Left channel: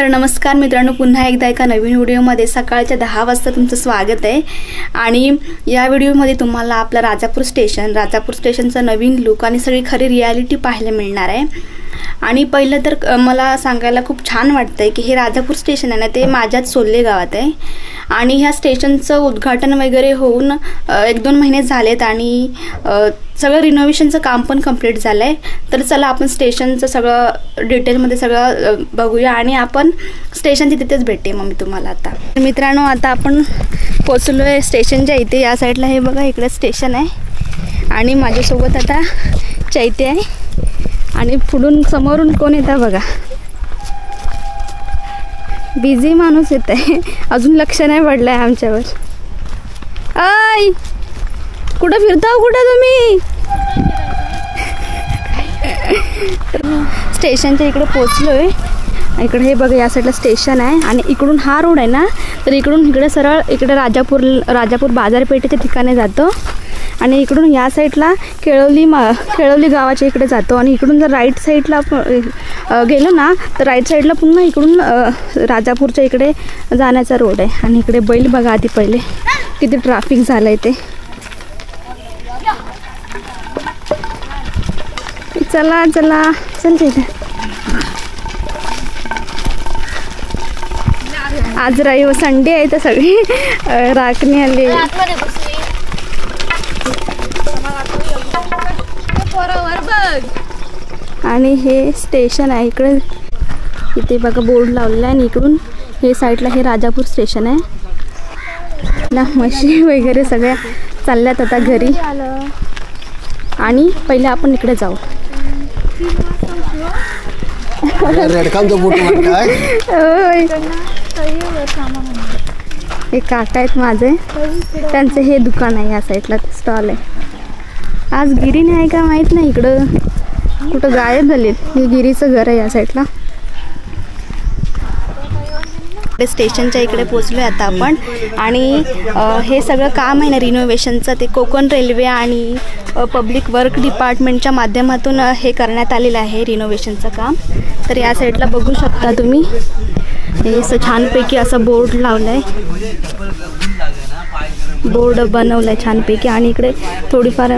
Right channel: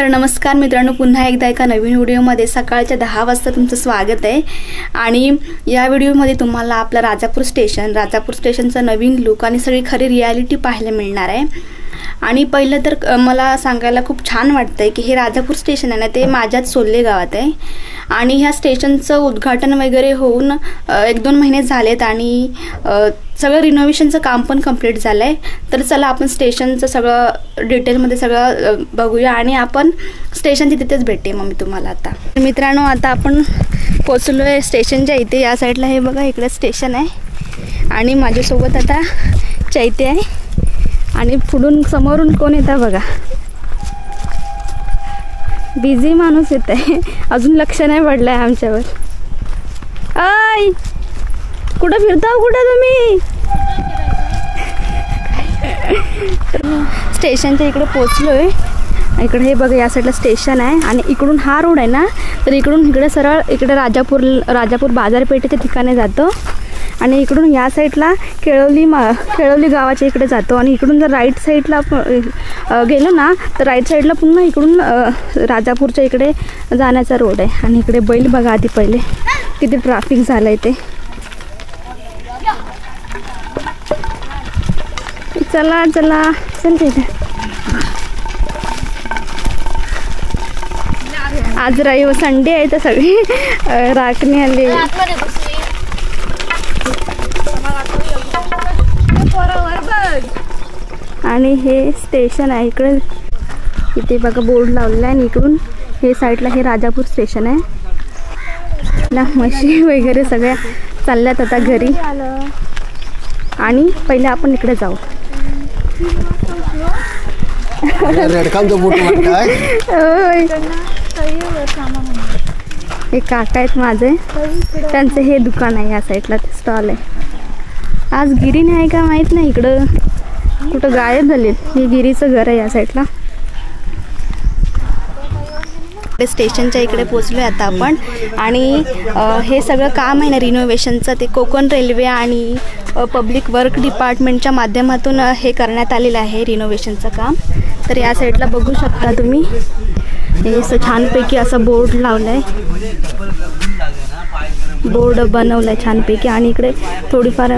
तर नमस्कार मित्रांनो, पुन्हा एकदा एका नवीन व्हिडिओमध्ये सकाळच्या 10 वाजता तुमचं स्वागत आहे। आणि या व्हिडिओमध्ये तुम्हाला आपला राजापूर स्टेशनचा नवीन लुक आणि सगळी खरी रियालिटी पाहायला मिळणार आहे। आणि पहिलं तर मला सांगायला खूप छान वाटतंय की हे राजापूर स्टेशन आहे ना, ते माझ्याच सोल्ले गावात आहे। आणि ह्या स्टेशनचं उद्घाटन वगैरे होऊन 1-2 महिने झालेत आणि सगळं रिनोव्हेशनचं काम पण कंप्लीट झालं आहे। तर चला आपण स्टेशनचं सगळं डिटेलमध्ये सगळं बघूया आणि आपण स्टेशनच्या तिथेच भेटते मग मी तुम्हाला। आता मित्रांनो, आता आपण पोचलो आहे स्टेशनच्या इथे। या साईडला हे बघा, इकडे स्टेशन आहे आणि माझ्यासोबत आता चैते आहे आणि पुढून समोरून कोण येतं बघा, बिझी माणूस येत आहे, अजून लक्ष नाही पडलं आहे आमच्यावर। ऐ कुठं फिरता कुठं तुम्ही? स्टेशनच्या इकडे पोचलो आहे। इकडे हे बघा, या साईडला स्टेशन आहे आणि इकडून हा रोड आहे ना, तर इकडून इकडे सरळ इकडे राजापूर बाजारपेठेच्या ठिकाणी जातो आणि इकडून या साईडला केळवली गावाच्या इकडे जातो आणि इकडून जर राईट साईडला गेलो ना, तर राईट साईडला पुन्हा इकडून राजापूरच्या इकडे जाण्याचा रोड आहे। आणि इकडे बैल बघा आधी पहिले किती ट्रॅफिक झालं आहे ते। चला चला चल तिथे। आज रविवार संडे आहे तर सगळी राखणी आली। आणि हे स्टेशन आहे इकडे, इथे बघा बोर्ड लावलेला आहे आणि इकडून हे साईडला हे राजापूर स्टेशन आहे। म्हशी वगैरे सगळ्या चालल्यात आता घरी आणि पहिले आपण इकडे जाऊ। हे काका आहेत माझे, त्यांचं हे दुकान आहे, या साईडला स्टॉल आहे। आज गिरी नाही का माहित नाही, इकडं कुठं गायब झाले। हे गिरीचं घर आहे या साईडला। स्टेशनच्या इकडे पोचलोय आता आपण आणि हे सगळं काम आहे ना रिनोव्हेशनचं, ते कोकण रेल्वे आणि पब्लिक वर्क डिपार्टमेंटच्या माध्यमातून हे करण्यात आलेलं आहे रिनोव्हेशनचं काम। तर या साईडला बघू शकता तुम्ही, हे असं छानपैकी असं बोर्ड लावलं आहे, बोर्ड बनवलं आहे छानपैकी आणि इकडे थोडीफार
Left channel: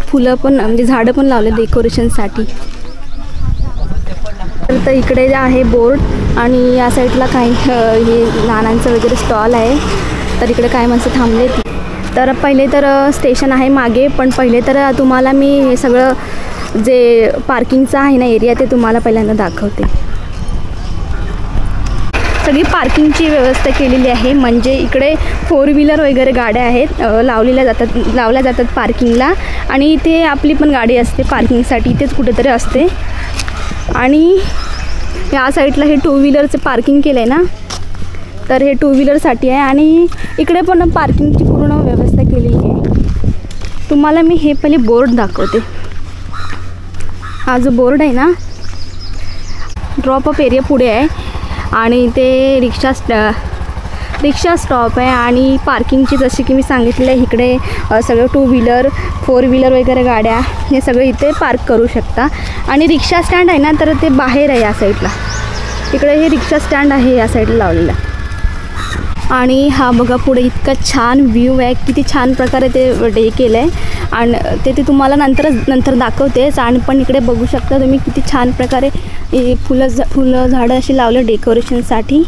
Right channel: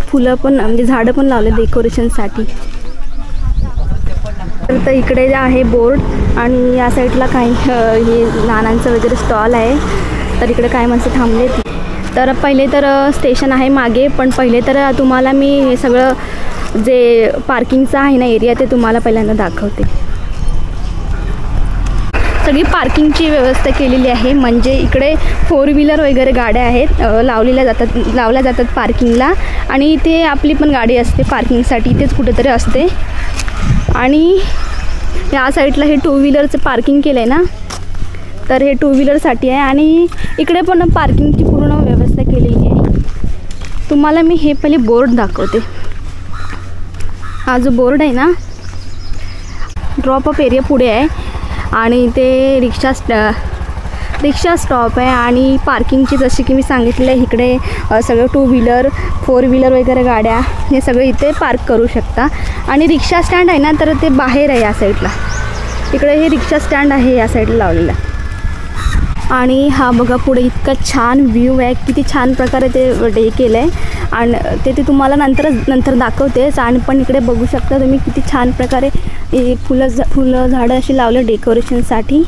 फुलं पण म्हणजे झाडं पण लावले डेकोरेशनसाठी। तर इकडे आहे बोर्ड आणि या साईडला काही हे नानांचं वगैरे स्टॉल आहे। तर इकडे काय माणसं थांबले। तर पहिले तर स्टेशन आहे मागे, पण पहिले तर तुम्हाला मी हे सगळं जे पार्किंगचं आहे ना एरिया, ते तुम्हाला पहिल्यांदा दाखवते। सगळी पार्किंगची व्यवस्था केलेली आहे, म्हणजे इकडे 4 व्हीलर वगैरे गाड्या आहेत, लावल्या जातात पार्किंगला आणि इथे आपली पण गाडी असते पार्किंगसाठी, इथेच कुठेतरी असते। आणि या साईडला हे 2 व्हीलरचं पार्किंग केलं आहे ना, तर हे 2 व्हीलरसाठी आहे आणि इकडे पण पार्किंगची पूर्ण व्यवस्था केलेली आहे। तुम्हाला मी हे पहिले बोर्ड दाखवते। हा जो बोर्ड आहे ना, ड्रॉप ऑफ एरिया पुढे आहे आणि ते रिक्षा स्टॉप आहे आणि पार्किंगची जशी की मी सांगितलेलं आहे, इकडे सगळं 2 व्हीलर 4 व्हीलर वगैरे गाड्या हे सगळं इथे पार्क करू शकता। आणि रिक्षा स्टँड आहे ना, तर ते बाहेर आहे या साईडला, इकडे हे रिक्षा स्टँड आहे या साईडला लावलेलं। आणि हा बघा पुढे इतका छान व्ह्यू आहे, किती छान प्रकारे ते डे केलं आहे आणि ते तुम्हाला नंतर दाखवतेच। आणि पण इकडे बघू शकता तुम्ही किती छान प्रकारे फुलं झाडं अशी लावले डेकोरेशनसाठी।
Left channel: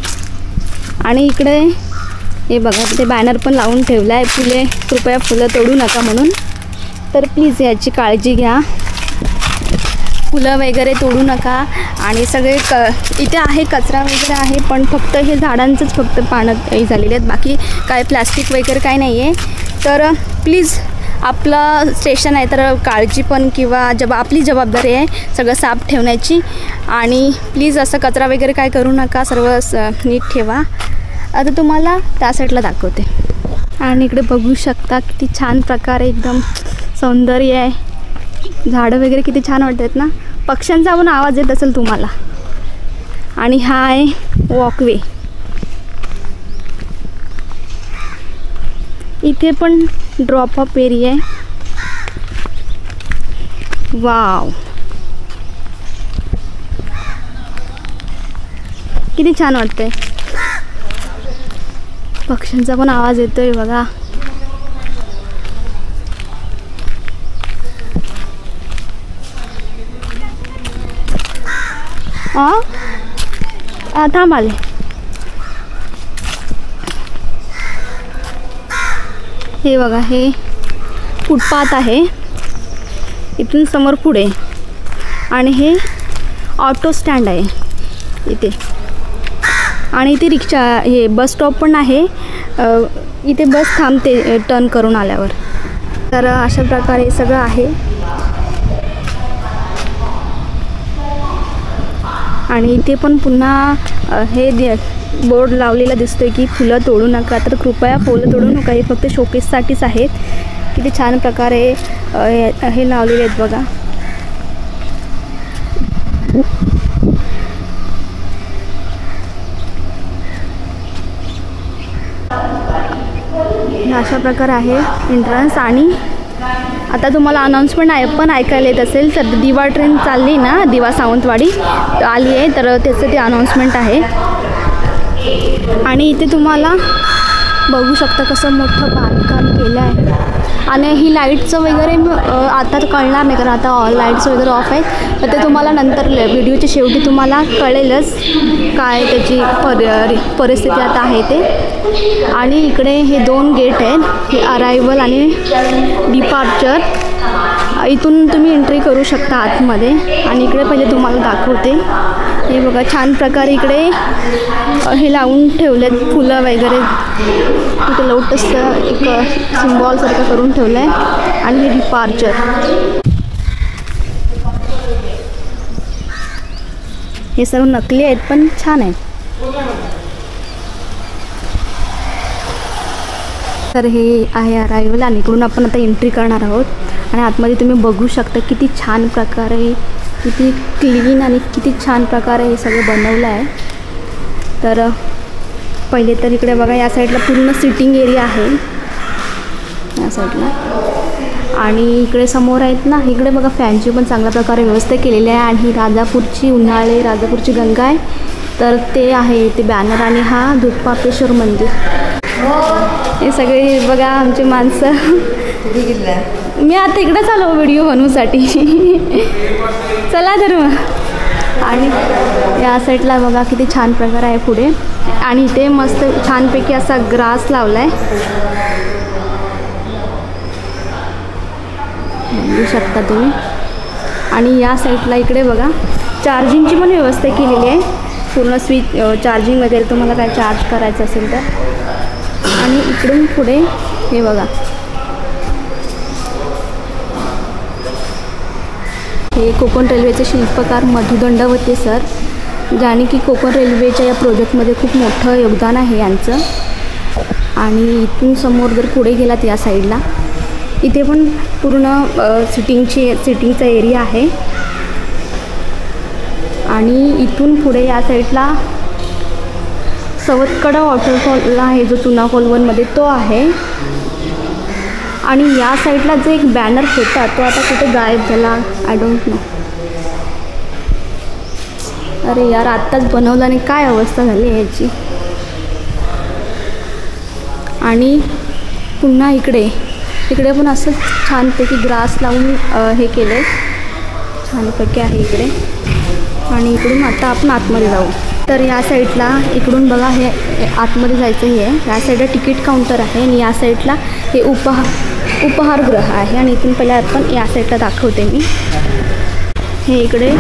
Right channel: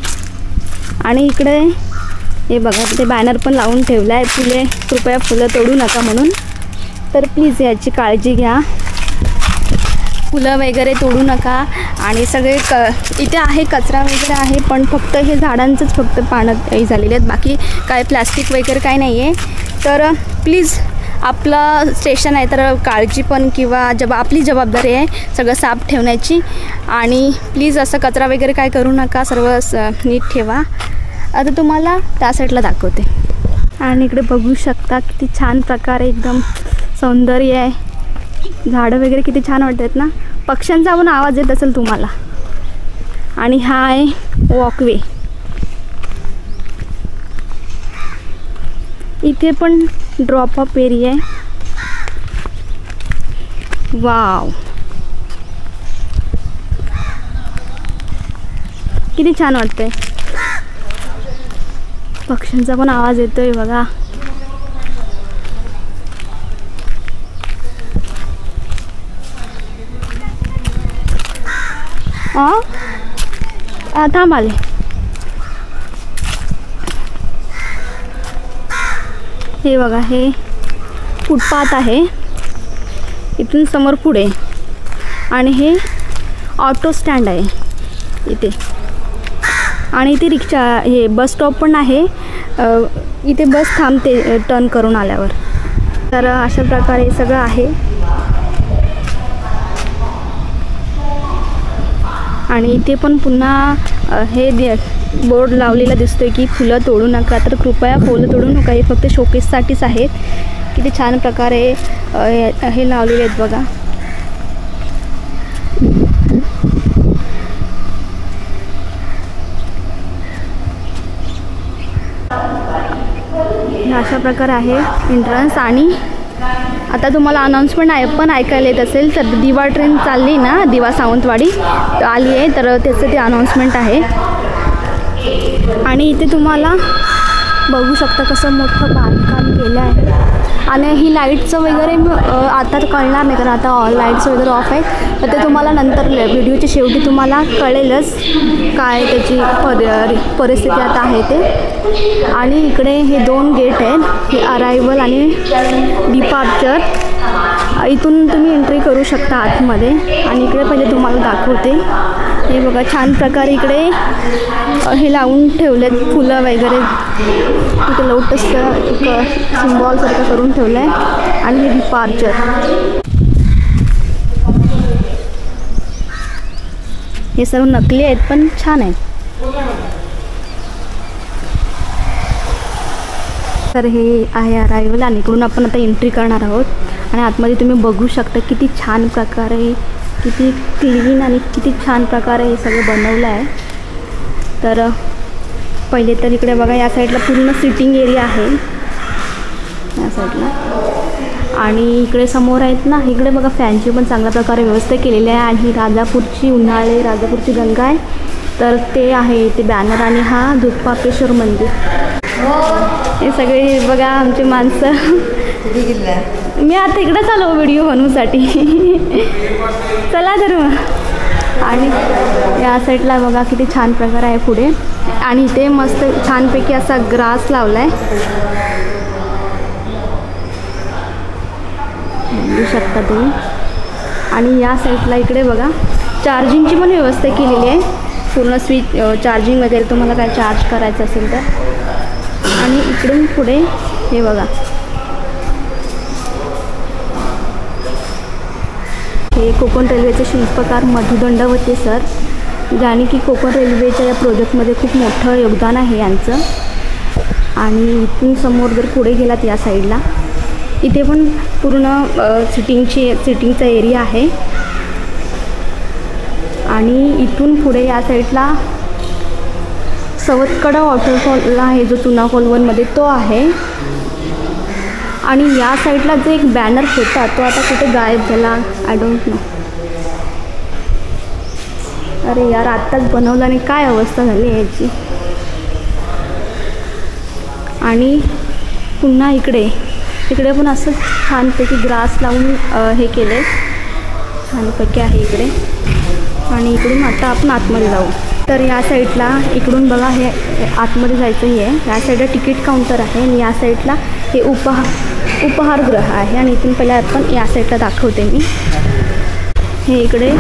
आणि इकडे हे बघा, ते बॅनर पण लावून ठेवला आहे, फुले कृपया फुलं तोडू नका म्हणून। तर प्लीज याची काळजी घ्या, फुलं वगैरे तोडू नका। आणि सगळे इथे आहे कचरा वगैरे आहे, पण फक्त हे झाडांचंच फक्त पानं हे झालेले आहेत, बाकी काय प्लास्टिक वगैरे काय नाही आहे। तर प्लीज आपलं स्टेशन आहे तर काळजी पण किंवा आपली जबाबदारी आहे सगळं साफ ठेवण्याची। आणि प्लीज असं कचरा वगैरे काय करू नका, सर्व नीट ठेवा। आता तुम्हाला त्या साईडला दाखवते। आणि इकडे बघू शकता किती छान प्रकारे एकदम सौंदर्य आहे, झाडं वगैरे किती छान वाटतात ना, पक्ष्यांचा पण आवाज येत असेल तुम्हाला। आणि हा आहे वॉकवे, इथे पण ड्रॉप ऑफ एरिया आहे। वाव, किती छान वाटतंय. पक्ष्यांचा पण आवाज येतोय बघा. थांब आले. हे बघा, हे फुटपाथ आहे इथून समोर पुढे, आणि हे ऑटो स्टँड आहे इथे, आणि इथे रिक्षा, हे बस स्टॉप पण आहे. इथे बस थांबते टर्न करून आल्यावर. तर अशा प्रकारे सगळं आहे. आणि इथे पण पुन्हा हे बोर्ड लावलेला दिसतोय की फुलं तोडू नका. तर कृपया फुलं तोडू नका, हे फक्त शोकेससाठीच आहेत. किती छान प्रकारे हे लावलेले आहेत बघा. अशा प्रकारे आहे एंट्रन्स. आणि आता तुम्हाला अनाऊन्समेंट पण ऐकायला येत असेल तर दिवा ट्रेन चालली ना, दिवा सावंतवाडी आली आहे, तर त्याचं ते अनाऊन्समेंट आहे. आणि इथे तुम्हाला बघू शकता कसं मोठं बांधकाम केलं आहे. आणि ही लाईटचं वगैरे आता कळणार नाही, कारण आता लाईट्स वगैरे ऑफ आहेत. तर ते तुम्हाला नंतर व्हिडिओच्या शेवटी तुम्हाला कळेलच काय त्याची परिस्थिती आता आहे ते. आणि इकडे हे 2 गेट आहेत, हे अरायवल आणि डिपार्चर. इथून तुम्ही एंट्री करू शकता आतमध्ये. आणि इकडे पहिले तुम्हाला दाखवते. हे बघा, छान प्रकारे इकडे हे लावून ठेवलेत फुलं वगैरे. इथे लोटसचं एक सिम्बॉलसारखं करून ठेवलं आहे. आणि हे डिपार्चर. हे सर्व नकली आहेत पण छान आहेत. तर हे आहे अरायवल, आणि इकडून आपण आता एंट्री करणार आहोत. आणि आतमध्ये तुम्ही बघू शकता किती छान प्रकारे, किती क्लीन आणि किती छान प्रकारे हे सगळं बनवलं आहे. तर पहिले तर इकडे बघा, या साईडला पूर्ण सिटिंग एरिया आहे या साईडला. आणि इकडे समोर आहेत ना, इकडे बघा फॅनची पण चांगल्या प्रकारे व्यवस्था केलेली आहे. आणि ही राजापूरची उन्हाळे, राजापूरची गंगा आहे, तर ते आहे ते बॅनर. आणि हा दूधपापेश्वर मंदिर. हे सगळे बघा आमची माणसं. मी आता इकडेच आलो व्हिडिओ बनवूसाठी. चला तर मग. आणि या साईडला बघा किती छान प्रकार आहे पुढे. आणि इथे मस्त छानपैकी असा ग्रास लावला आहे, बघू शकता तुम्ही. आणि या साईडला इकडे बघा चार्जिंगची पण व्यवस्था केलेली आहे. पूर्ण स्विच चार्जिंग वगैरे तुम्हाला काय चार्ज करायचं असेल तर. आणि इकडून पुढे हे बघा, हे कोकण रेल्वेचे शिल्पकार मधु दंडवते सर, ज्याने की कोकण रेल्वेच्या या प्रोजेक्टमध्ये खूप मोठं योगदान आहे यांचं. आणि इथून समोर जर पुढे गेलात या साईडला, इथे पण पूर्ण सिटिंगचा एरिया आहे. आणि इथून पुढे या साईडला सवतकडा वॉटरफॉल आहे, जो चुना कोलवनमध्ये तो आहे. आणि या साईडला जो एक बॅनर होता तो आता कुठे गायब झाला, आय डोंट नो. अरे यार, आत्ताच बनवला आणि काय अवस्था झाली याची. आणि पुन्हा इकडे पण असं छानपैकी ग्रास लावून हे केलं, छानपैकी आहे इकडे. आणि इकडून आता आपण आतमध्ये जाऊ. तर या साईडला इकडून बघा, हे आतमध्ये जायचं हे आहे. या साईडला तिकीट काउंटर आहे, आणि या साईडला हे उपहारगृह आहे. आणि इथून पहिला आपण या साईडला दाखवते मी. हे इकडे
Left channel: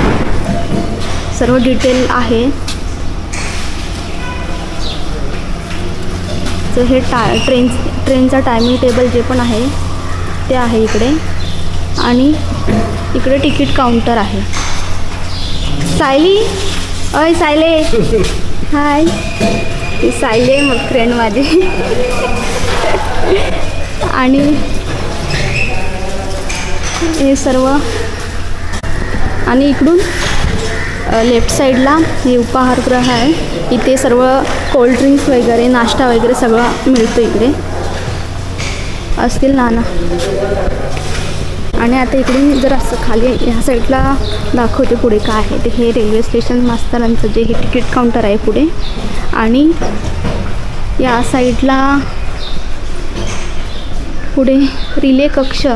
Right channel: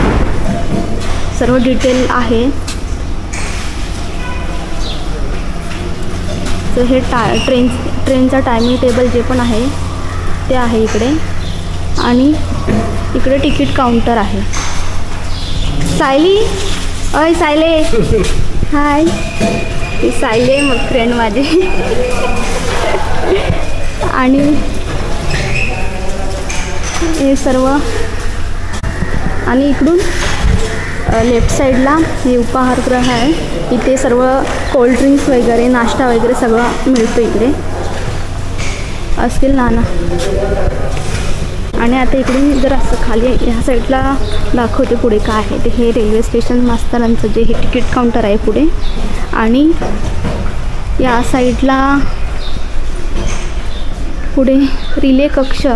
सर्व डिटेल आहे. तर हे ट्रेनचा टायमिंग टेबल जे पण आहे ते आहे इकडे. आणि इकडे तिकीट काउंटर आहे. सायली, अय सायले, हाय. ही सायले मग फ्रेंड माझी. आणि हे सर्व. आणि इकडून लेफ्ट साईडला हे उपाहारगृह आहे. इथे सर्व कोल्ड्रिंक्स वगैरे, नाश्ता वगैरे सगळं मिळतं इकडे, असतील ना. आणि आता इकडे जर असं खाली ह्या साईडला दाखवते पुढे काय आहे ते. हे रेल्वे स्टेशन मास्तरांचं जे हे तिकीट काउंटर आहे पुढे. आणि या साईडला पुढे रिले कक्ष,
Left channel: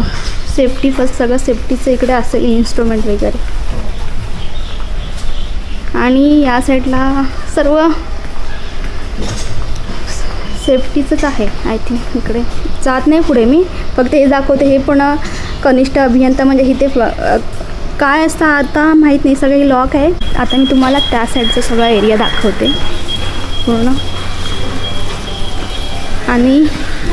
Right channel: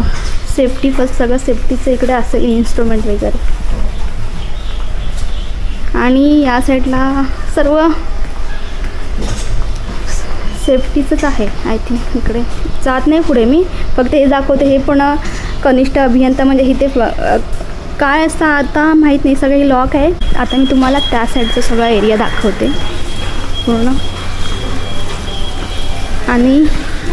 सेफ्टी फर्स्ट, सगळं सेफ्टीचं इकडे असेल, इन्स्ट्रुमेंट वगैरे. आणि या साईडला सर्व सेफ्टीचंच आहे आय थिंक. इकडे जात नाही पुढे मी, फक्त हे दाखवते. हे पण कनिष्ठ अभियंता म्हणजे इथे काय असतं आता माहीत नाही, सगळे लॉक आहे. आता मी तुम्हाला त्या साईडचा सगळा एरिया दाखवते पूर्ण. आणि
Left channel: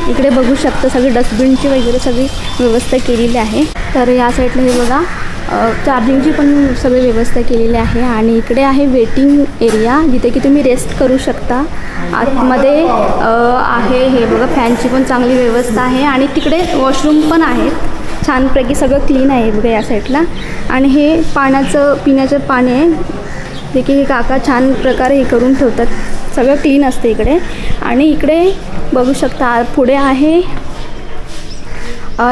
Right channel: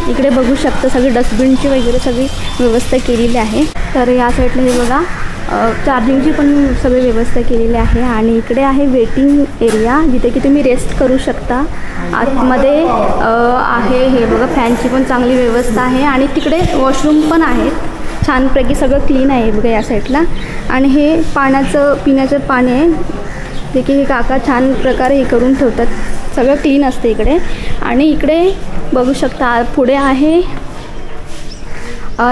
इकडे बघू शकता सगळी डस्टबिनची वगैरे सगळी व्यवस्था केलेली आहे. तर या साईडला हे बघा चार्जिंगची पण सगळी व्यवस्था केलेली आहे. आणि इकडे आहे वेटिंग एरिया, जिथे की तुम्ही रेस्ट करू शकता. आतमध्ये आहे हे बघा फॅनची पण चांगली व्यवस्था आहे. आणि तिकडे वॉशरूम पण आहेत, छानपैकी सगळं क्लीन आहे बघा या साईडला. आणि हे पाण्याचं पिण्याचं पाणी आहे, जे की हे काका छान प्रकारे हे करून ठेवतात, सगळं क्लीन असते इकडे. आणि इकडे बघू शकता पुढे आहे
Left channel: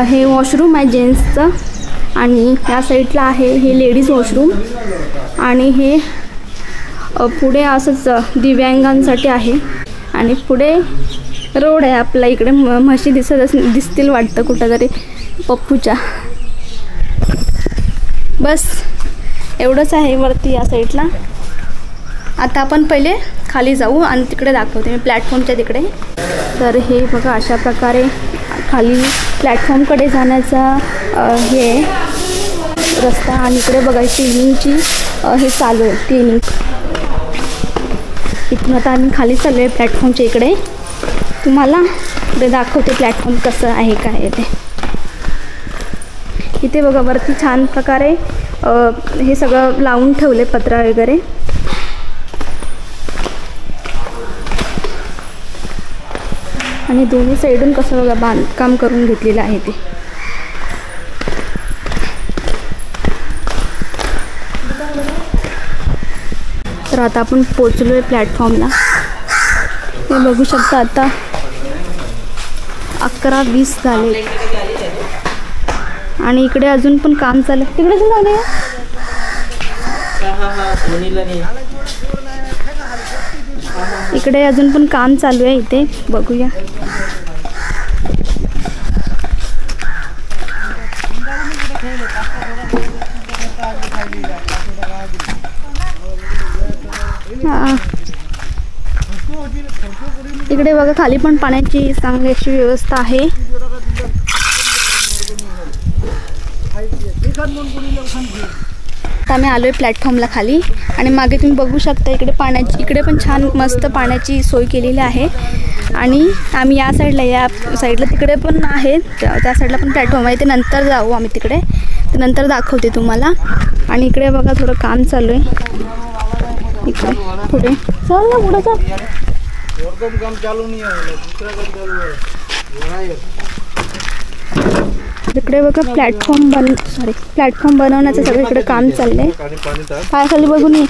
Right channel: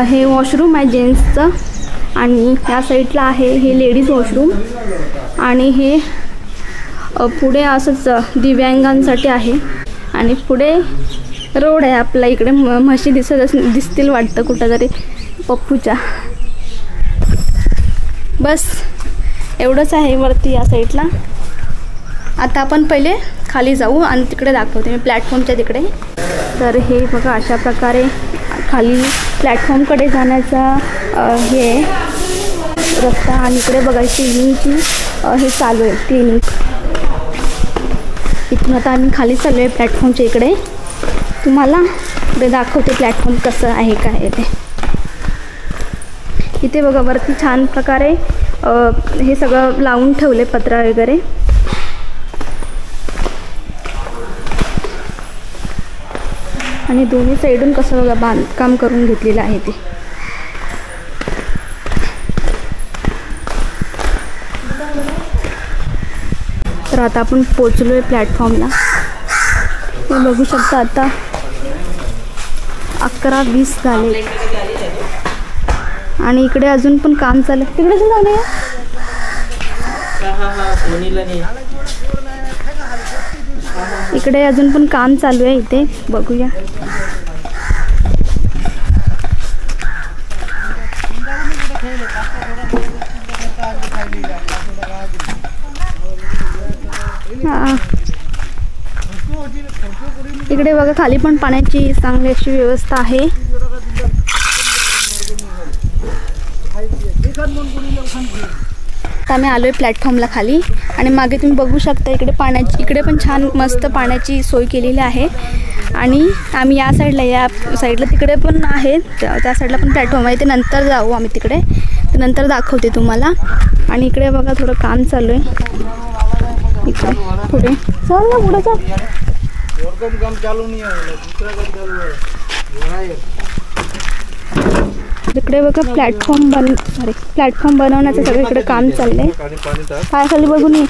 हे वॉशरूम आहे जेंट्सचं. आणि या साईडला आहे हे लेडीज वॉशरूम. आणि हे पुढे असंच दिव्यांगांसाठी आहे. आणि पुढे रोड आहे आपला. इकडे म्हशी दिसतील वाटतं कुठं तरी पप्पूच्या. बस एवढंच आहे वरती या साईडला. आता आपण पहिले खाली जाऊ आणि तिकडे दाखवते मी प्लॅटफॉर्मच्या तिकडे. तर हे बघा अशा प्रकारे खाली प्लॅटफॉर्मकडे जाण्याचा हे रस्ता. आणि इकडे बघा ट्रेनिंगची हे चालू आहे, ट्रेनिंग. इथून आता आम्ही खाली चाललो आहे प्लॅटफॉर्मच्या इकडे. तुम्हाला इकडे दाखवते प्लॅटफॉर्म कसं आहे काय आहे ते. इथे बघा वरती छान प्रकारे हे सगळं लावून ठेवले पत्रा वगैरे. आणि दोन्ही साईडून कसं बघा बांधकाम करून घेतलेलं आहे ते. तर आता आपण पोचलो आहे प्लॅटफॉर्मला. हे बघू शकता आता 11:20 झाले. आणि इकडे अजून पण काम चालू आहे. तिकडे झाले इकडे अजून पण काम चालू आहे इथे. बघूया इकडे बघा खाली पण पाण्याची चांगली अशी व्यवस्था आहे. आता आम्ही आलोय प्लॅटफॉर्मला खाली. आणि मागे तुम्ही बघू शकता इकडे पाण्याची, इकडे पण छान मस्त पाण्याची सोय केलेली आहे. आणि आम्ही या साईडला, या साईडला तिकडे पण आहे, त्या साईडला पण प्लॅटफॉर्म आहे. ते नंतर जाऊ आम्ही तिकडे, ते नंतर दाखवते तुम्हाला. आणि इकडे बघा थोडं काम चालू आहे इकडे. पुढे चल ना, पुढे चल. इकडे बघा प्लॅटफॉर्म बनवण्याचं सगळं इकडे काम चाललंय. काय खाली बघून ये.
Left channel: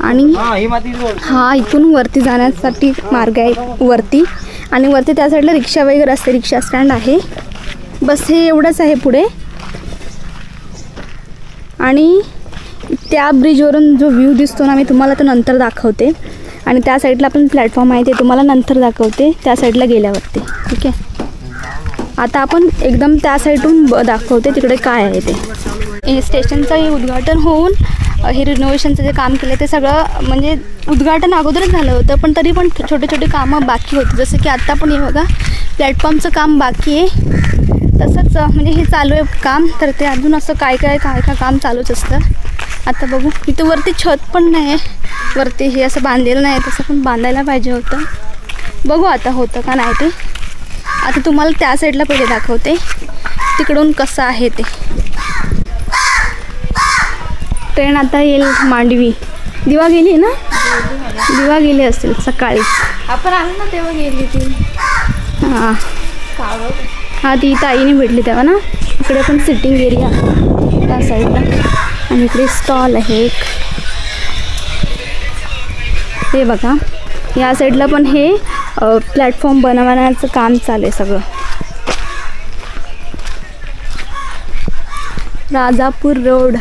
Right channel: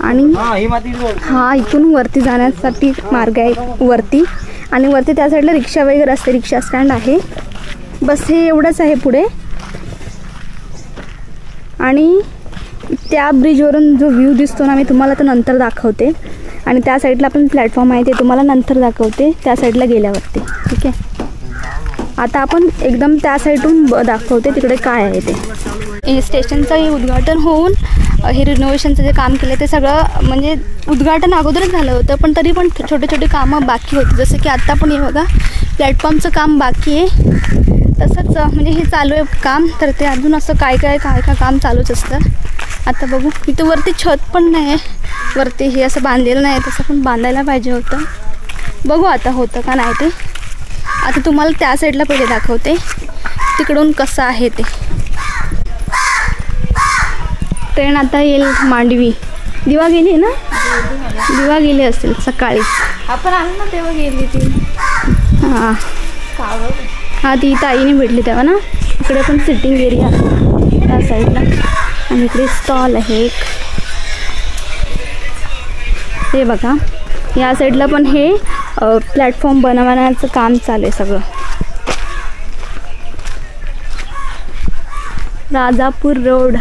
आणि हा इथून वरती जाण्यासाठी मार्ग आहे वरती. आणि वरती त्या साईडला रिक्षा वगैरे असते, रिक्षा स्टँड आहे. बस हे एवढंच आहे पुढे. आणि त्या ब्रिजवरून जो व्ह्यू दिसतो ना, मी तुम्हाला तो नंतर दाखवते. आणि त्या साईडला पण प्लॅटफॉर्म आहे, ते तुम्हाला नंतर दाखवते त्या साईडला गेल्यावरती. ठीक आहे, आता आपण एकदम त्या साईडून दाखवते तिकडे काय आहे ते. हे स्टेशनचं हे उद्घाटन होऊन हे रिनोव्हेशनचं जे काम केलं ते सगळं म्हणजे उद्घाटन अगोदरच झालं होतं, पण तरी पण छोटे छोटे कामं बाकी होती. जसं की आत्ता पण हे बघा प्लॅटफॉर्मचं काम बाकी आहे. तसंच म्हणजे हे चालू आहे काम. तर ते अजून असं काय काम चालूच असतं. आता बघू, इथं वरती छत पण नाही आहे, वरती हे असं बांधलेलं नाही, तसं पण बांधायला पाहिजे होतं. बघू आता होतं का नाही ते. आता तुम्हाला त्या साईडला पहिले दाखवते तिकडून कसं आहे ते. ट्रेन आता येईल मांडवी. दिवा गेली ना, दिवा गेली असेल सकाळी. आपण आलो ना तेव्हा गेली ती. हां हां, ती ताईने भेटली तेव्हा ना. इकडे पण सिटिंग एरिया त्या साईडला. आणि इकडे स्टॉल आहे एक. हे बघा या साईडला पण हे प्लॅटफॉर्म बनवण्याचं काम चालू आहे सगळं. राजापूर रोड.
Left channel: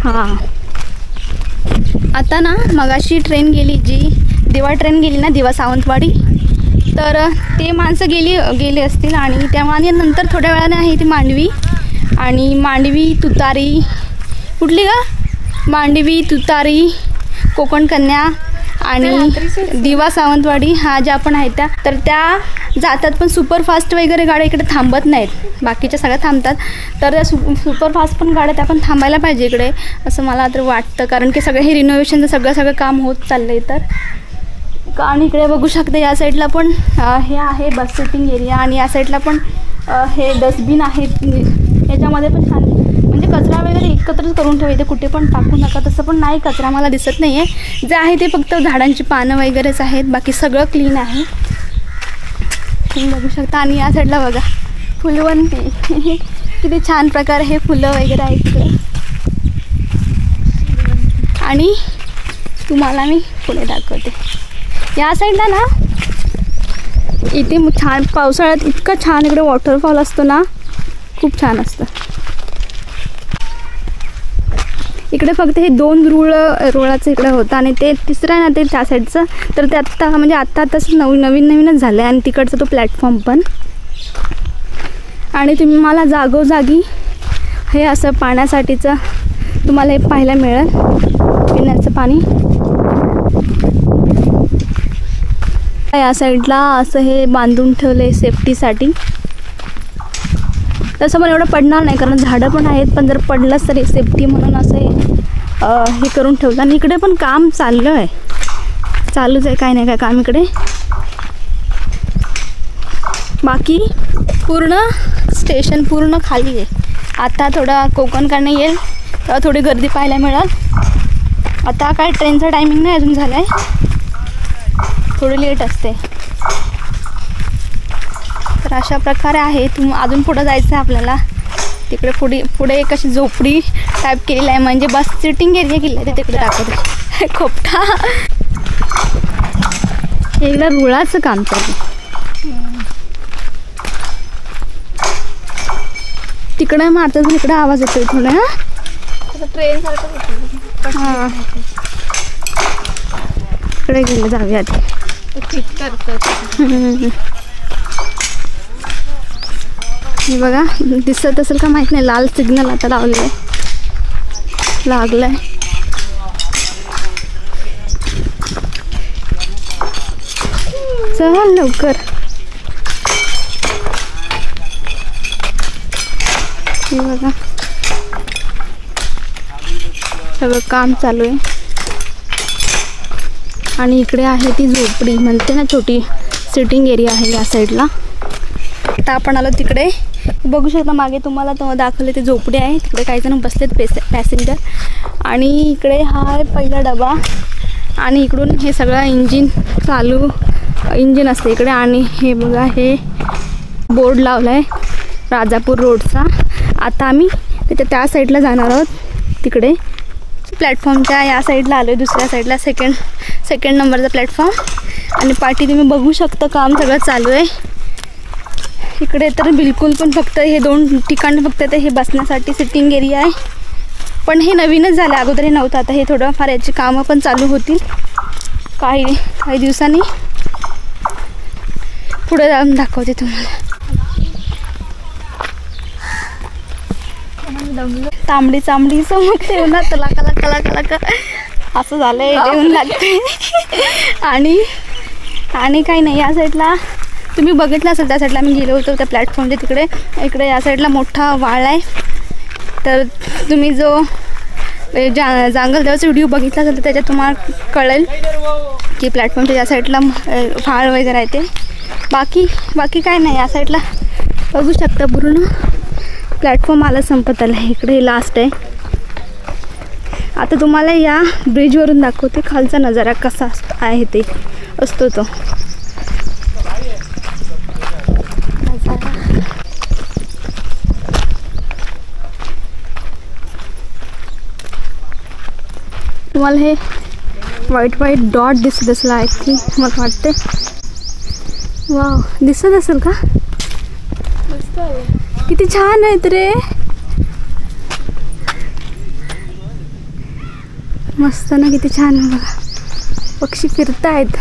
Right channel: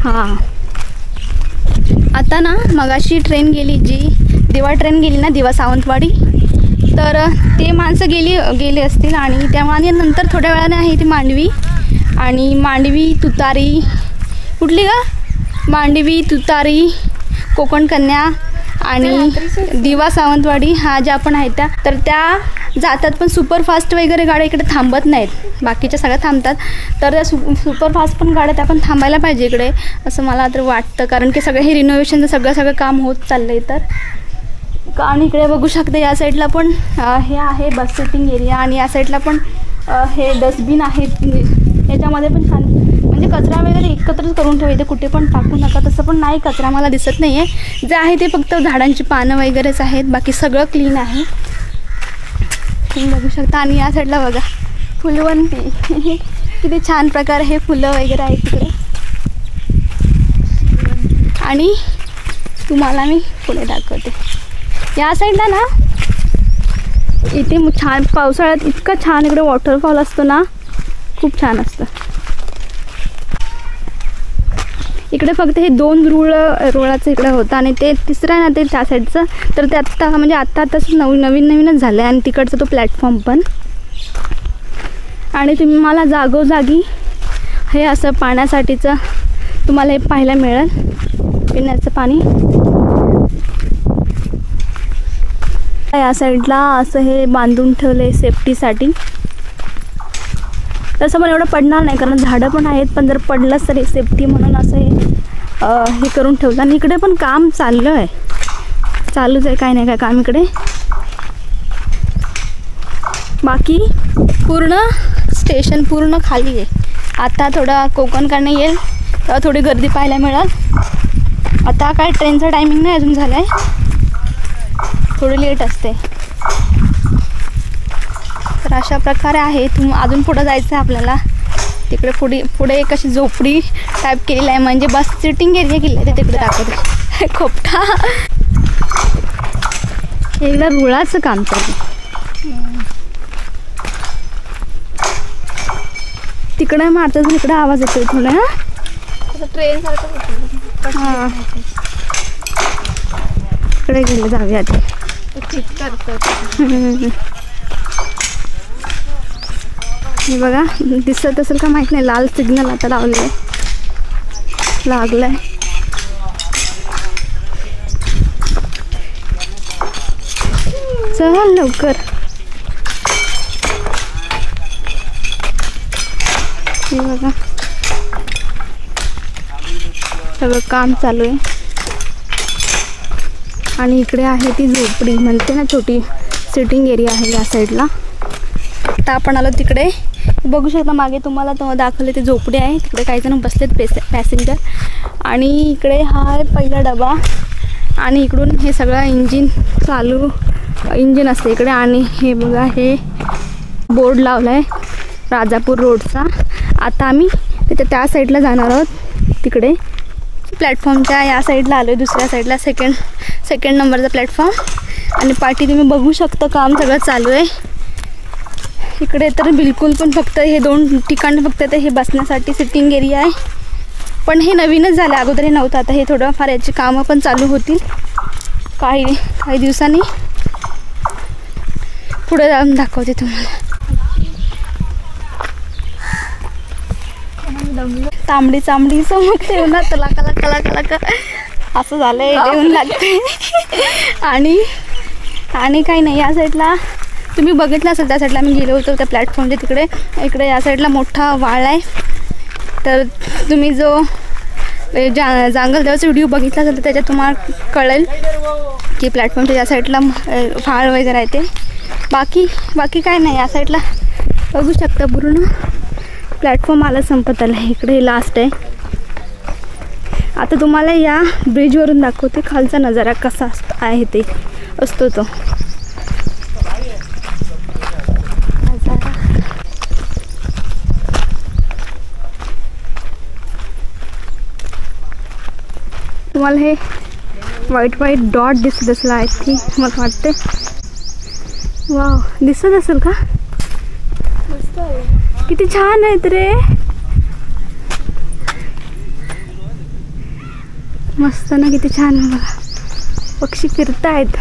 हां आता ना मगाशी ट्रेन गेली, जी दिवा ट्रेन गेली ना, दिवा सावंतवाडी, तर ते माणसं गेली असतील. आणि त्यामुळे नंतर थोड्या वेळाने आहे ती मांडवी, आणि मांडवी तुतारी, कुठली का मांडवी तुतारी, कोकण कन्या आणि दिवा सावंतवाडी हा ज्या पण आहेत त्या, तर त्या जातात. पण सुपरफास्ट वगैरे गाड्या इकडे थांबत नाहीत, बाकीच्या सगळ्या थांबतात. तर त्या सुपरफास्ट पण गाड्या त्या पण थांबायला पाहिजे इकडे, असं मला तर वाटतं. कारण की सगळं हे रिनोव्हेशनचं सगळं काम होत चाललं आहे. तर आणि इकडे बघू शकते या साईडला पण हे आहे बस सिटिंग एरिया, आणि या साईडला पण हे डस्टबिन आहेत. याच्यामध्ये पण छान म्हणजे कचरा वगैरे एकत्रच करून ठेवायचे, कुठे पण टाकू नका. तसं पण नाही कचरा मला दिसत नाही आहे. जे आहे ते फक्त झाडांची पानं वगैरेच आहेत, बाकी सगळं क्लीन आहे तुम्ही बघू शकता. आणि या साईडला बघा फुलवंती, किती छान प्रकारे हे फुलं वगैरे आहेत तिकडे. आणि तुम्हाला मी पुढे दाखवते. या साईडला ना इथे छान पावसाळ्यात इतकं छान इकडे वॉटरफॉल असतो ना, खूप छान असतं. इकडे फक्त हे 2 रुळाचं इकडे होतं, आणि ते तिसरं आहे ना ते त्या साईडचं, तर ते आत्ता म्हणजे आत्ताच नवीनच झालं आहे. आणि तिकडचा तो प्लॅटफॉर्म पण. आणि तुम्ही मला जागोजागी हे असं पाण्यासाठीचं तुम्हाला हे पाहायला मिळेल, पिण्याचं पाणी. या साईडला असं हे बांधून ठेवलं सेफ्टीसाठी. तसं पण एवढं पडणार नाही कारण झाडं पण आहेत, पण जर पडलंच तरी सेफ्टी म्हणून असं हे करून ठेवलं. आणि इकडे पण काम चालूच आहे, काय नाही काय काम इकडे. बाकी पूर्ण स्टेशन पूर्ण खाली आहे. आता थोडा कोकण कन्या येईल तेव्हा थोडी गर्दी पाहायला मिळेल. आता काय ट्रेनचा टायमिंग नाही अजून झाला आहे, थोडी लेट असते. तर अशा प्रकारे आहे. अजून पुढं जायचं आहे आपल्याला. तिकडे पुढे एक अशी झोपडी टाईप केलेली आहे, म्हणजे बस सिटिंग एरिया केली आहे, ते तिकडे दाखवते. खोपटा एकदा रुळाचं काम चालू. तिकडे मारतात, इकडे आवाज येतोय थोडा. ट्रेन सारखं. हां इकडे गेलं जाऊया आधी. हे बघा दिसत असेल का माहित नाही, लाल सिग्नल आता लागलाय. चल लवकर. हे बघा सगळं काम चालू आहे. आणि इकडे आहे ती झोपडी म्हणते ना, छोटी सिटिंग एरिया आहे या साईडला. आता आपण आलो तिकडे, बघू शकता मागे तुम्हाला तो दाखवले ते झोपडी आहे. तिकडे काही जण बसलेत पॅसेंजर. आणि इकडे हा आहे पहिला डबा, आणि इकडून हे सगळं इंजिन असते इकडे. आणि हे बघा हे बोर्ड लावला आहे राजापूर रोडचा. आता आम्ही त्या साईडला जाणार आहोत, तिकडे प्लॅटफॉर्मच्या या साईडला आलो आहे, दुसऱ्या साईडला सेकंड नंबरचा प्लॅटफॉर्म. आणि पाठी तुम्ही बघू शकता काम सगळं चालू आहे इकडे. तर बिलकुल पण फक्त हे 2 ठिकाण फक्त ते हे बसण्यासाठी सिटिंग एरिया आहे, पण हे नवीनच झालं, अगोदर हे नव्हतं. आता हे थोडंफार याची कामं पण चालू होतील काही दिवसांनी. पुढे जाऊन दाखवते तुम्हाला. तांबडी समोर ठेवणार तर कला असं झालंय, येऊन लागते. आणि काही नाही. या साईडला तुम्ही बघितलं असेल, त्या साईडला मी गेलो होतो त्या प्लॅटफॉर्मच्या इकडे या साईडला मोठा वाळ आहे. तर तुम्ही जो जांगल देवाचा व्हिडिओ बघितला असेल तर त्याच्यात तुम्हाला कळेल की प्लॅटफॉर्मच्या या साईडला व्हाळ वगैरे आहे ते. बाकी काय नाही. या साईडला बघू शकता पूर्ण प्लॅटफॉर्म आला संपत आला. इकडे लास्ट आहे. आता तुम्हाला या ब्रिजवरून दाखवते खालचा नजारा कसा आहे ते असतो तो. तुम्हाला हे व्हाईट व्हाईट डॉट दिसत असेल आय थिंक, मला वाटते. वाव, दिसत असेल का? किती छान आहेत रे, मस्त ना, किती छान आहे बघा. पक्षी फिरतायत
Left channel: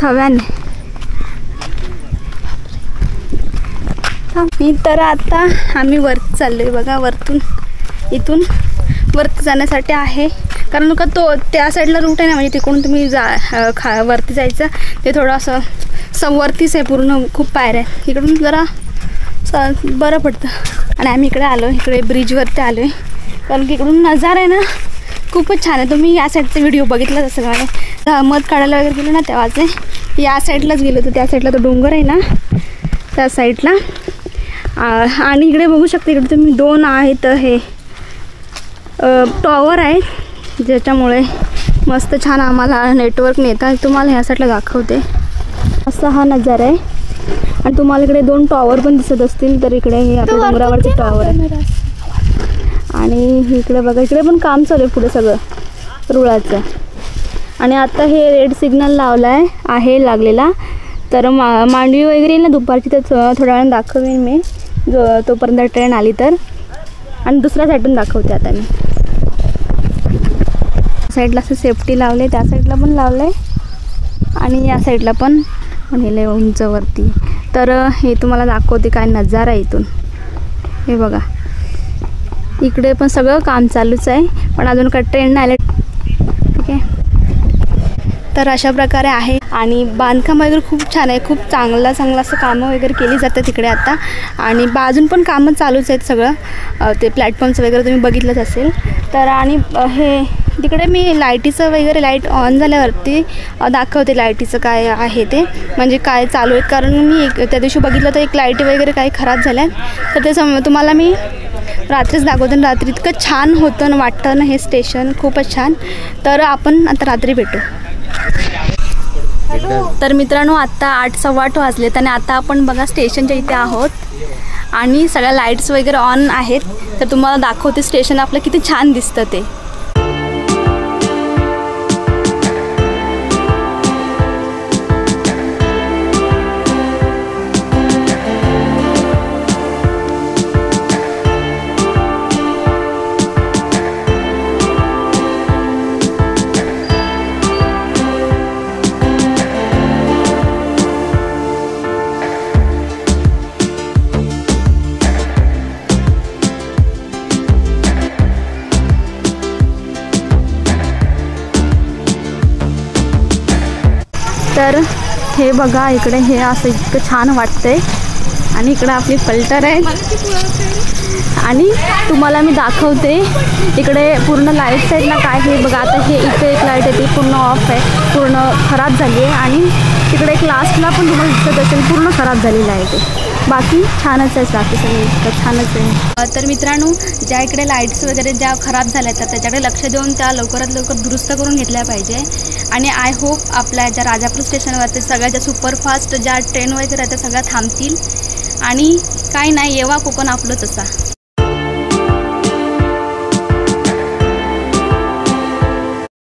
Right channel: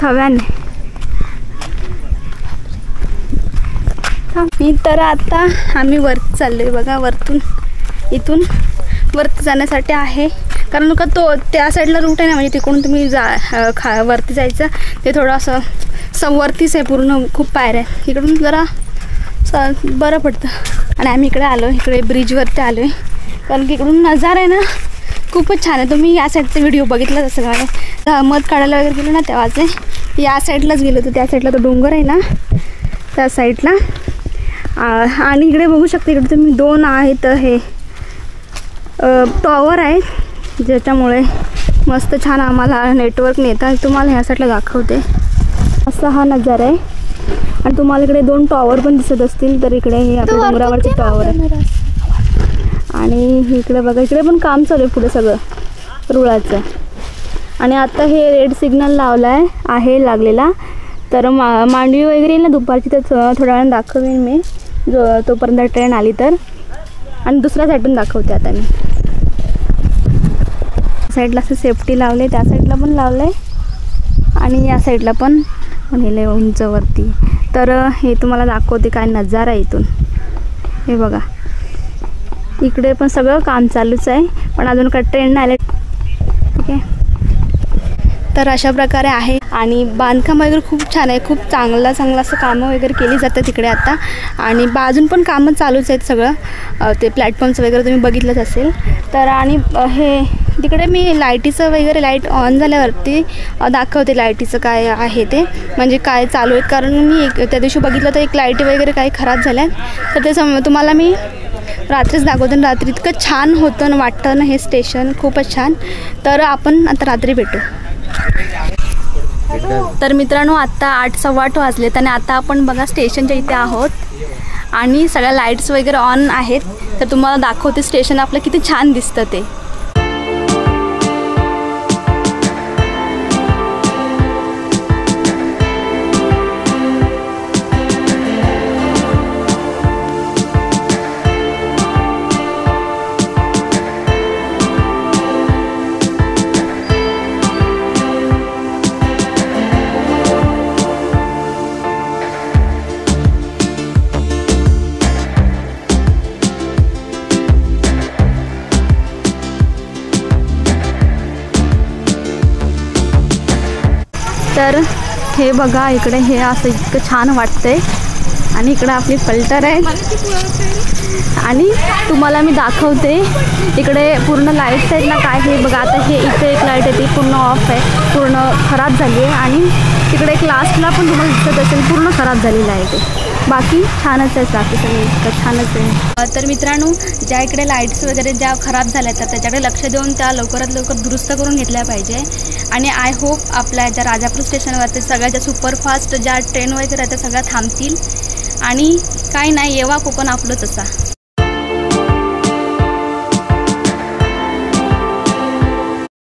थव्याने. तर आता आम्ही वरती चाललोय बघा. इथून वरती जाण्यासाठी आहे, कारण का तो त्या साईडला रूट आहे ना, म्हणजे तिकडून तुम्ही वरती जायचं. ते थोडं असं वरतीच आहे पूर्ण, खूप पायऱ्या आहे. इकडून जरा बरं पडतं. आणि आम्ही इकडे आलो, इकडे ब्रिजवरती आलो आहे, कारण की इकडून नजारा आहे ना खूपच छान आहे. तुम्ही या साईडचा व्हिडिओ बघितलाच असेल. मला मध काढायला वगैरे गेलो ना तेव्हाचे, या साईडलाच गेलो होतो. त्या साईडला तो डोंगर आहे ना, त्या साईडला. आणि इकडे बघू शकता, इकडे तुम्ही 2 आहेत हे टॉवर आहे, ज्याच्यामुळे मस्त छान आम्हाला नेटवर्क नेता. तुम्हाला ह्या साईडला दाखवते, असा हा नजारा आहे. आणि तुम्हाला इकडे 2 टॉवर पण दिसत असतील. तर इकडे हे आपल्या डोंगरावरचे टॉवर आहे. आणि इकडे बघा, इकडे पण काम चालू आहे पुढे सगळं रुळाचं. आणि आता हे रेड सिग्नल लावला आहे लागलेला. तर मांडवी वगैरे येईल ना दुपारची, तर थोड्या वेळानं दाखवेन मी, तोपर्यंत ट्रेन आली तर. आणि दुसऱ्या साईडून दाखवते आता मी. साईडला असं सेफ्टी लावले, त्या साईडला पण लावलं आहे, आणि या साईडला पण नेलं उंचवरती. तर हे तुम्हाला दाखवते काय नजारा आहे इथून. हे बघा, इकडे पण सगळं काम चालूच आहे, पण अजून काय ट्रेन नाही आले. ठीक आहे, तर अशा प्रकारे आहे. आणि बांधकाम वगैरे खूप छान आहे, खूप चांगलं असं कामं वगैरे केली जातात तिकडे आता. आणि बाजून पण कामं चालूच आहेत सगळं. ते प्लॅटफॉर्म्स वगैरे तुम्ही बघितलंच असेल. तर आणि हे तिकडे मी लाईटीचं वगैरे, लाईट ऑन झाल्यावरती दाखवते लाईटीचं काय आहे ते, म्हणजे काय चालू आहे. कारण मी त्या दिवशी बघितलं तर एक लाईटी वगैरे काही खराब झाल्या, तर ते तुम्हाला मी रात्रीच दाखवते. रात्री इतकं छान होतं ना, वाटतं ना हे स्टेशन खूपच छान. तर आपण आता रात्री भेटू. तर मित्रांनो, आता 8:15 वाजलेत आणि आता आपण बघा स्टेशनच्या इथे आहोत. आणि सगळ्या लाईट्स वगैरे ऑन आहेत. तर तुम्हाला दाखवते स्टेशन आपलं किती छान दिसतं ते. तर हे बघा, इकडे हे असं इतकं छान वाटतंय. आणि इकडे आपली पल्टर आहे. आणि तुम्हाला मी दाखवते इकडे पूर्ण लाईट साईडला काय आहे बघा. आता हे इथे एक लाईट आहे, ती पूर्ण ऑफ आहे, पूर्ण खराब झाली आहे. आणि तिकडे एक लास्टला पण तुम्हाला दिसत असेल, पूर्ण खराब झालेलं आहे ते. बाकी छानच आहे, बाकी सगळं इतकं छानच आहे. तर मित्रांनो, ज्या इकडे लाईट्स वगैरे ज्या खराब झाल्या तर त्याच्याकडे लक्ष देऊन त्या लवकरात लवकर दुरुस्त करून घेतल्या पाहिजे. आणि आय होप आपल्या ज्या राजापूर स्टेशनवरती सगळ्या ज्या सुपरफास्ट ज्या ट्रेन वगैरे आहेत त्या सगळ्या थांबतील. आणि काही नाही, येवा कोकण आपलंच असा.